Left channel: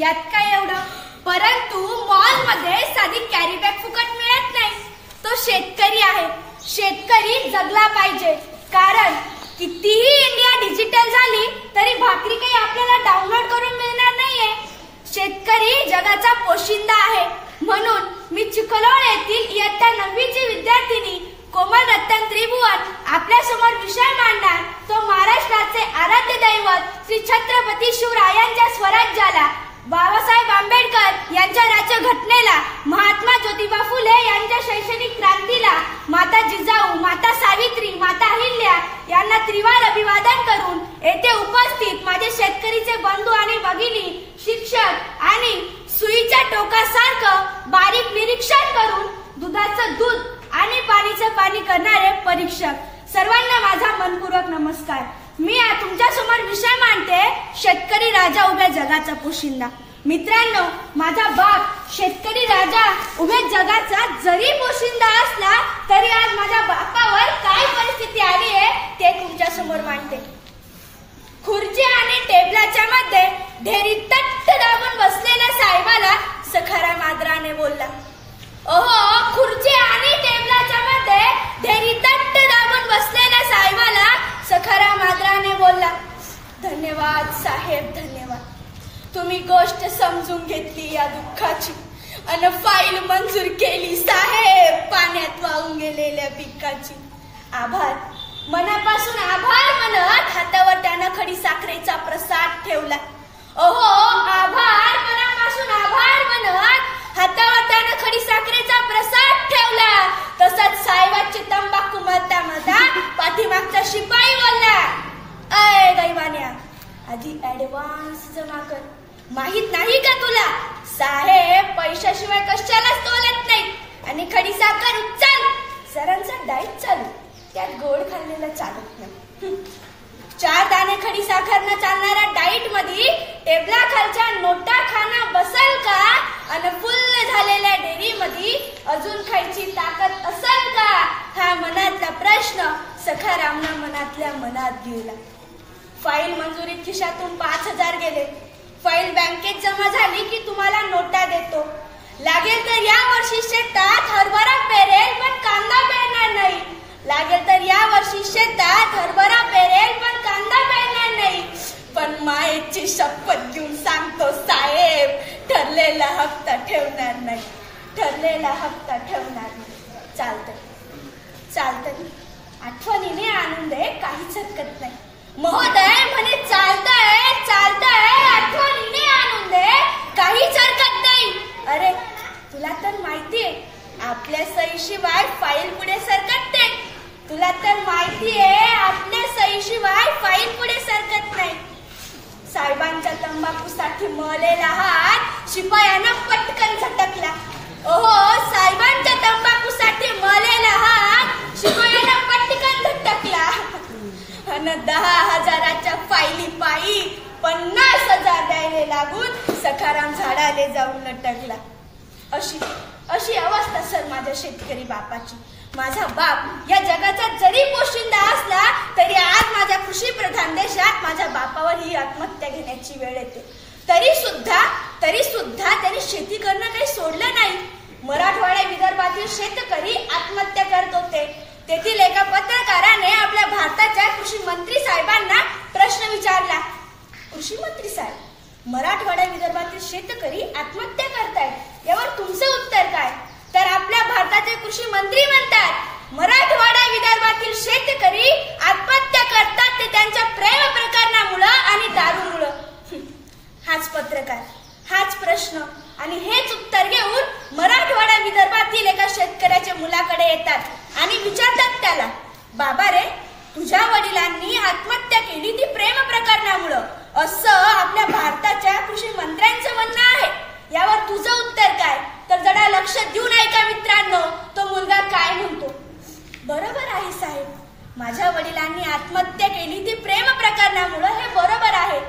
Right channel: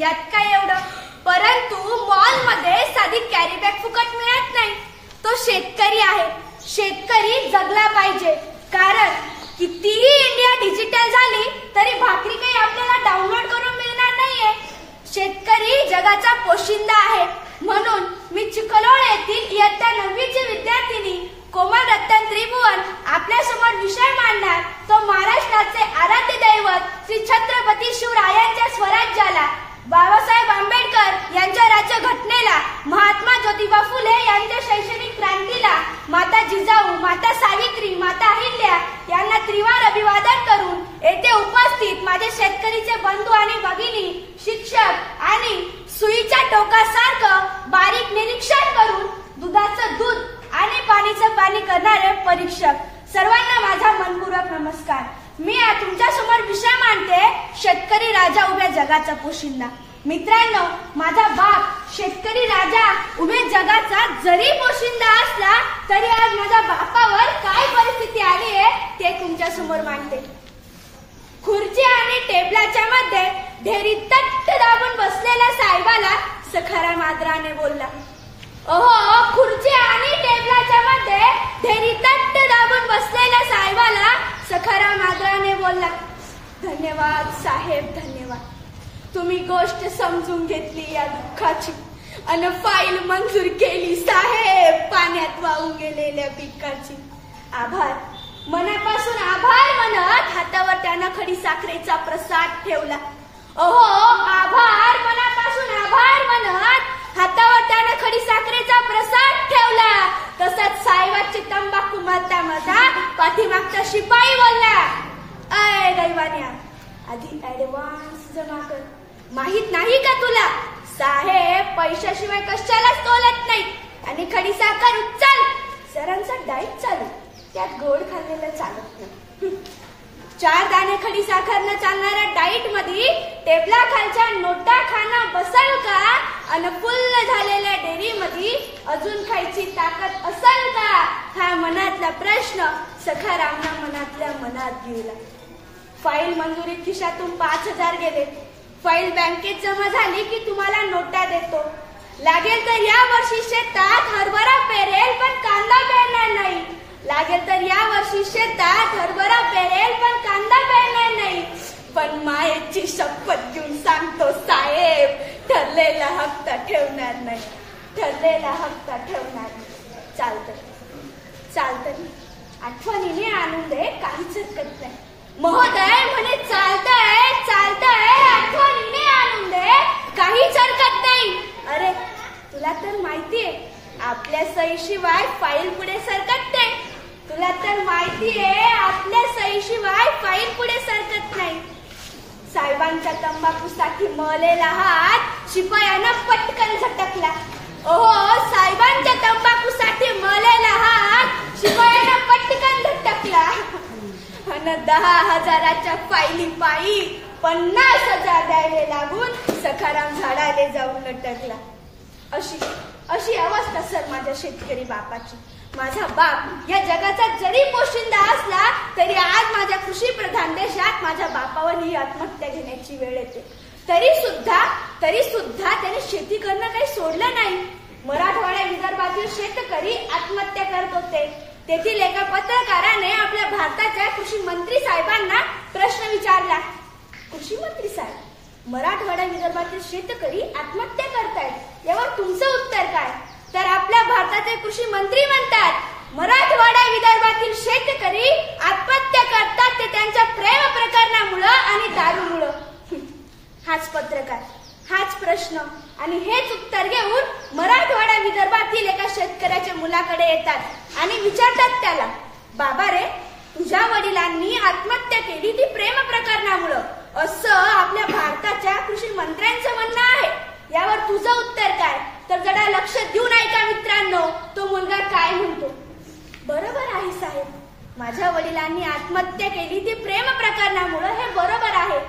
यात काय एवढं. परंतु मॉल मध्ये साधी कॅरी बॅग फुकट मिळत नाही. तो शेतकरी आहे. शेतकरी जगला पाहिजे. कारण कितीही इंडिया डिजिटल झाली तरी भाकरी काही आपल्याला डाउनलोड करून मिळणार नाहीये. शेतकरी जगाचा पोशिंदा आहे. म्हणून मी चिखलोड येथील इयत्ता 9वीची विद्यार्थिनी कोमल रतन त्रिभुवन आपल्या समोर विषय मांडणार तो महाराष्ट्राचे आराध्य दैवत श्री छत्रपती शिवरायांच्या स्वराज्याला, बाबासाहेब आंबेडकर यांच्या राज्यघटनेला, महात्मा ज्योतिबा फुले यांच्या शैक्षणिक क्रांतीला, माता जिजाऊ, माता सावित्री, माता अहिल्या यांना त्रिवार अभिवादन करून येथे उपस्थित माझे शेतकरीचे बंधू आणि भगिनी, शिक्षक आणि सुईच्या टोकासारखं बारीक निरीक्षण करून दुधाचं दूध आणि पाणीचं पाणी करणारे परीक्षक, सर्वांना माझा मनपूर्वक नमस्कार. मी तुमच्या समोर विषय मांडते शेतकरी राजा उभ्या जगाचा पोशिंदा. मित्रांनो, माझा बाप शेतकरी राजा उभ्या जगाचा जरी पोशिंदा असला तरी आज माझ्या बापावर काय परिस्थिती आली आहे ते तुमच्या समोर मांडते. खुर्ची आणि टेबलाच्या मध्ये ढेरी तट्ट दाबून बसलेल्या साहेबाला सखाराम आदराने बोलला. ओहो, खुर्ची आणि टेबलाच्या मध्ये ढेरी तट्ट दाबून बसलेल्या साहेबाला सखाराम आदराने बोलला. धन्यवाद साहेब, धन्यवाद. तुम्ही गोष्ट समजून घेतली या दुःखाची अन फाईल मंजूर केली साहेब पाण्यात वाहून गेलेल्या पिकाची. आभार, मनापासून आभार म्हणत हातावर त्यानं खडी साखरेचा प्रसाद ठेवला. ओहो, आभार, मनापासून आभार म्हणत हातावर त्यानं खडी साखरेचा प्रसाद ठेवला. तसंच साहेबाची तंबाखू मधता मधा पाठीमागचा शिपाई बोलला. अय दैवान्या, आधी ऍडव्हान्स जमा कर. माहित नाही का तुला, साहेब पैशाशिवाय कशालाच तोलत नाही. आणि खडी साखर उचल. सरांचा डाएट चालू, त्यात गोड खाल्लेलं चालत नाही. 4 दाणे खडी साखरनं चालणाऱ्या डाएट मध्ये टेबला खालच्या नोटा खाणं बसल का? अन फुल्ल झालेल्या डेअरी मध्ये अजून खायची ताकद असल का? हा मनातला प्रश्न सखारामना मनातल्या मनात गेला. फाईल मंजुरीत खिशातून 5000 गेले. फाईल बँकेत जमा झाली की तुम्हाला नोटा देतो. लागेल तर या वर्षी शेतात हरभरा पेरेल पण कांदा पेरणार नाही. लागेल तर या वर्षी शेतात हरभरा पेरेल पण कांदा पेरणार नाही. पण मायेची शपथ घेऊन सांगतो साहेब, ठरलेला हप्ता ठेवणार नाही. ठरलेला हप्ता ठेवणार नाही. चालतंय चालतंय, आठवणीने आणून दे, काहीच हरकत नाही. महोदय म्हणे चालतंय चालतंय, आठवणीने आणून दे, काहीच हरकत नाही. अरे तुला तर माहितीये आपल्या सहीशिवाय फाईल पुढे सरकत नाही. तुला तर माहितीये आपल्या सहीशिवाय फाईल पुढे सरकत नाही. साहेबांच्या तंबाखूसाठी मळलेला हात शिपायानं पटकन झटकला. ओहो, साहेबांच्या तंबाखूसाठी मळलेला हात शिपायानं पटकन झटकला. अन 10,000च्या फाईली पायी 50,000 द्यायला लागून सखाराम झाडाले जाऊन लटकला. अशी अवस्था सर माझ्या शेतकरी बापाची. माझा बाप या जगाचा जरी पोशिंदा असला तरी आज माझ्या कृषी प्रधान देशात माझ्या बापावर ही आत्महत्या घेण्याची वेळ येते. तरी सुद्धा त्याने शेती करणं काही सोडलं नाही. मराठवाडा विदर्भातील शेतकरी आत्महत्या करत होते. तेथील एका पत्रकाराने आपल्या भारताच्या कृषी मंत्री साहेबांना प्रश्न विचारला. कृषी मंत्री साहेब, मराठवाडा विदर्भातील शेतकरी आत्महत्या करतायत, यावर तुमचं उत्तर काय? तर आपल्या भारताचे कृषी मंत्री म्हणतात, मराठवाडा विदर्भातील शेतकरी आत्महत्या करतात ते त्यांच्या प्रेम प्रकरणामुळे आणि दारूमुळे. हाच पत्रकार, हाच प्रश्न आणि हेच उत्तर घेऊन मराठवाडा विदर्भातील एका शेतकऱ्याच्या मुलाकडे येतात आणि विचारतात त्याला, बाबा रे, तुझ्या वडिलांनी आत्महत्या केली ती प्रेम प्रकरणामुळे असं आपल्या भारताच्या कृषी मंत्र्यांचं म्हणणं आहे. यावर तुझं उत्तर काय? तर जरा लक्ष देऊन ऐका मित्रांनो, तो मुलगा काय म्हणतो. बरोबर आहे साहेब, माझ्या वडिलांनी आत्महत्या केली ती प्रेम प्रकरणामुळे, हे बरोबर आहे.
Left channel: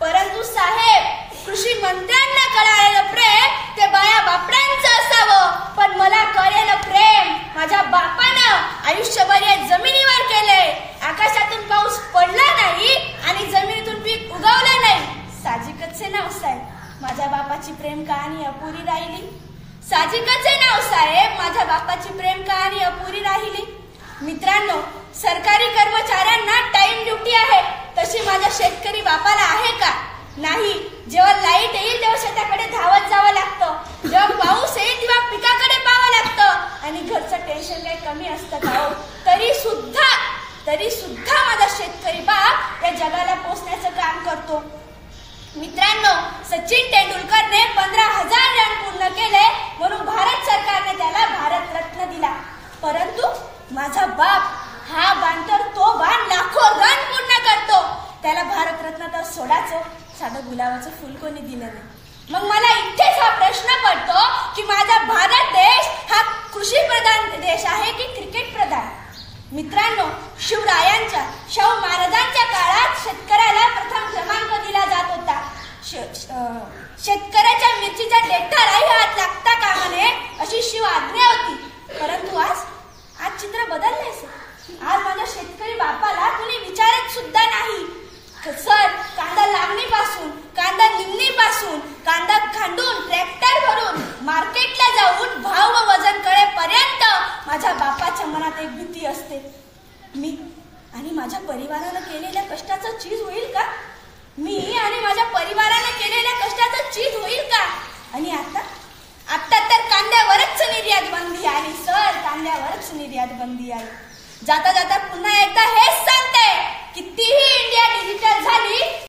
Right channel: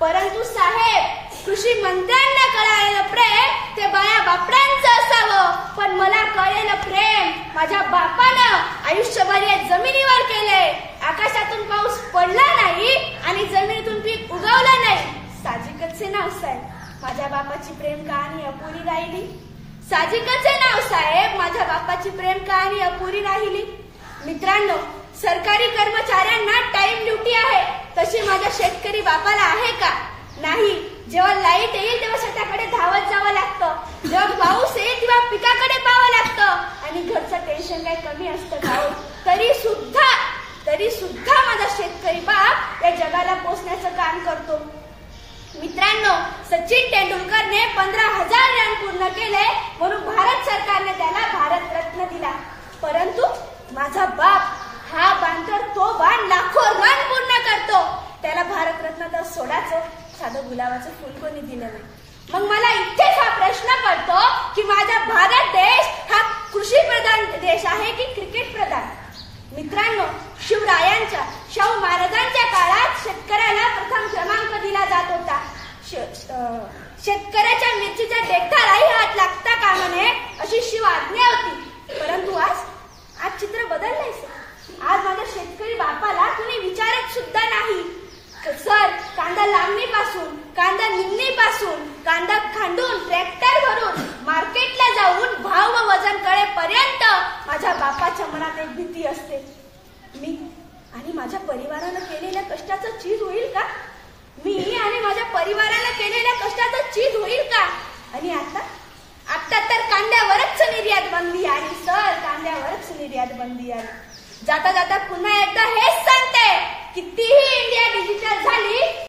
परंतु साहेब, कृषी मंत्र्यांना कळालेलं प्रेम ते बाया बापड्यांचं असावं, पण मला कळलेलं प्रेम माझ्या बापानं आयुष्यभर या जमिनीवर केलंय. आकाशातून पाऊस पडला नाही आणि जमिनीतून पीक उगवलं नाही. साहजिकच आहे ना साहेब. माझ्या बापाची प्रेम कहाणी अपुरी राहिली. साहजिकच आहे नाव साहेब, माझ्या बापाची प्रेम कहाणी अपुरी राहिली. मित्रांनो, सरकारी कर्मचाऱ्यांना टाइम ड्युटी आहे, तशी माझ्या शेतकरी बापाला आहे का? नाही. जेव्हा लाईट येईल तेव्हा शेताकडे धावत जावं लागतं, जेव्हा पाऊस येईल तेव्हा पिकाकडे पाहावं लागतं आणि घरचं टेन्शन काही कमी असतं का हो? तरी सुद्धा माझा शेतकरी बाप या जगाला पोचण्याचं काम करतो. मित्रांनो, सचिन तेंडुलकरने 15,000 रन पूर्ण केले म्हणून भारत सरकारने त्याला भारत रत्न दिला. परंतु माझा बाप हा बाण तर तो बाण लाखो रन पूर्ण करतो. त्याला भारत रत्न तर सोडाचं, साधं गुलाबाचं फुल कोणी दिलं नाही. मग मला इथेच हा प्रश्न पडतो की माझा भारत देश हा कृषी प्रधान देश आहे की क्रिकेट प्रधान? मित्रांनो, शिवरायांच्या, शाहू महाराजांच्या काळात शेतकऱ्याला प्रथम क्रमांक दिला जात होता. शेतकऱ्याच्या मिरचीच्या देठालाही हात लागता कामा नये अशी शिव आज्ञा होती. परंतु आज चित्र बदललंय सर. आज माझ्या शेतकरी बापाला कुणी विचारत सुद्धा नाही. सर, कांदा लावणीपासून, कांदा निमणीपासून, कांदा खांडून, ट्रॅक्टर भरून, मार्केटला जाऊन भाव व वजन कळेपर्यंत माझ्या बापाच्या मनात एक भीती असते. मी आणि माझ्या परिवारानं केलेल्या कष्टाचं चीज होईल का? मी आणि माझ्या परिवारानं केलेल्या कष्टाचं चीज होईल का? आणि आता तर कांद्यावरच निर्यात बंदी आली सर, कांद्यावरच निर्यात बंदी आली. जाता जाता पुन्हा एकदा हेच सांगते, कितीही इंडिया डिजिटल झाली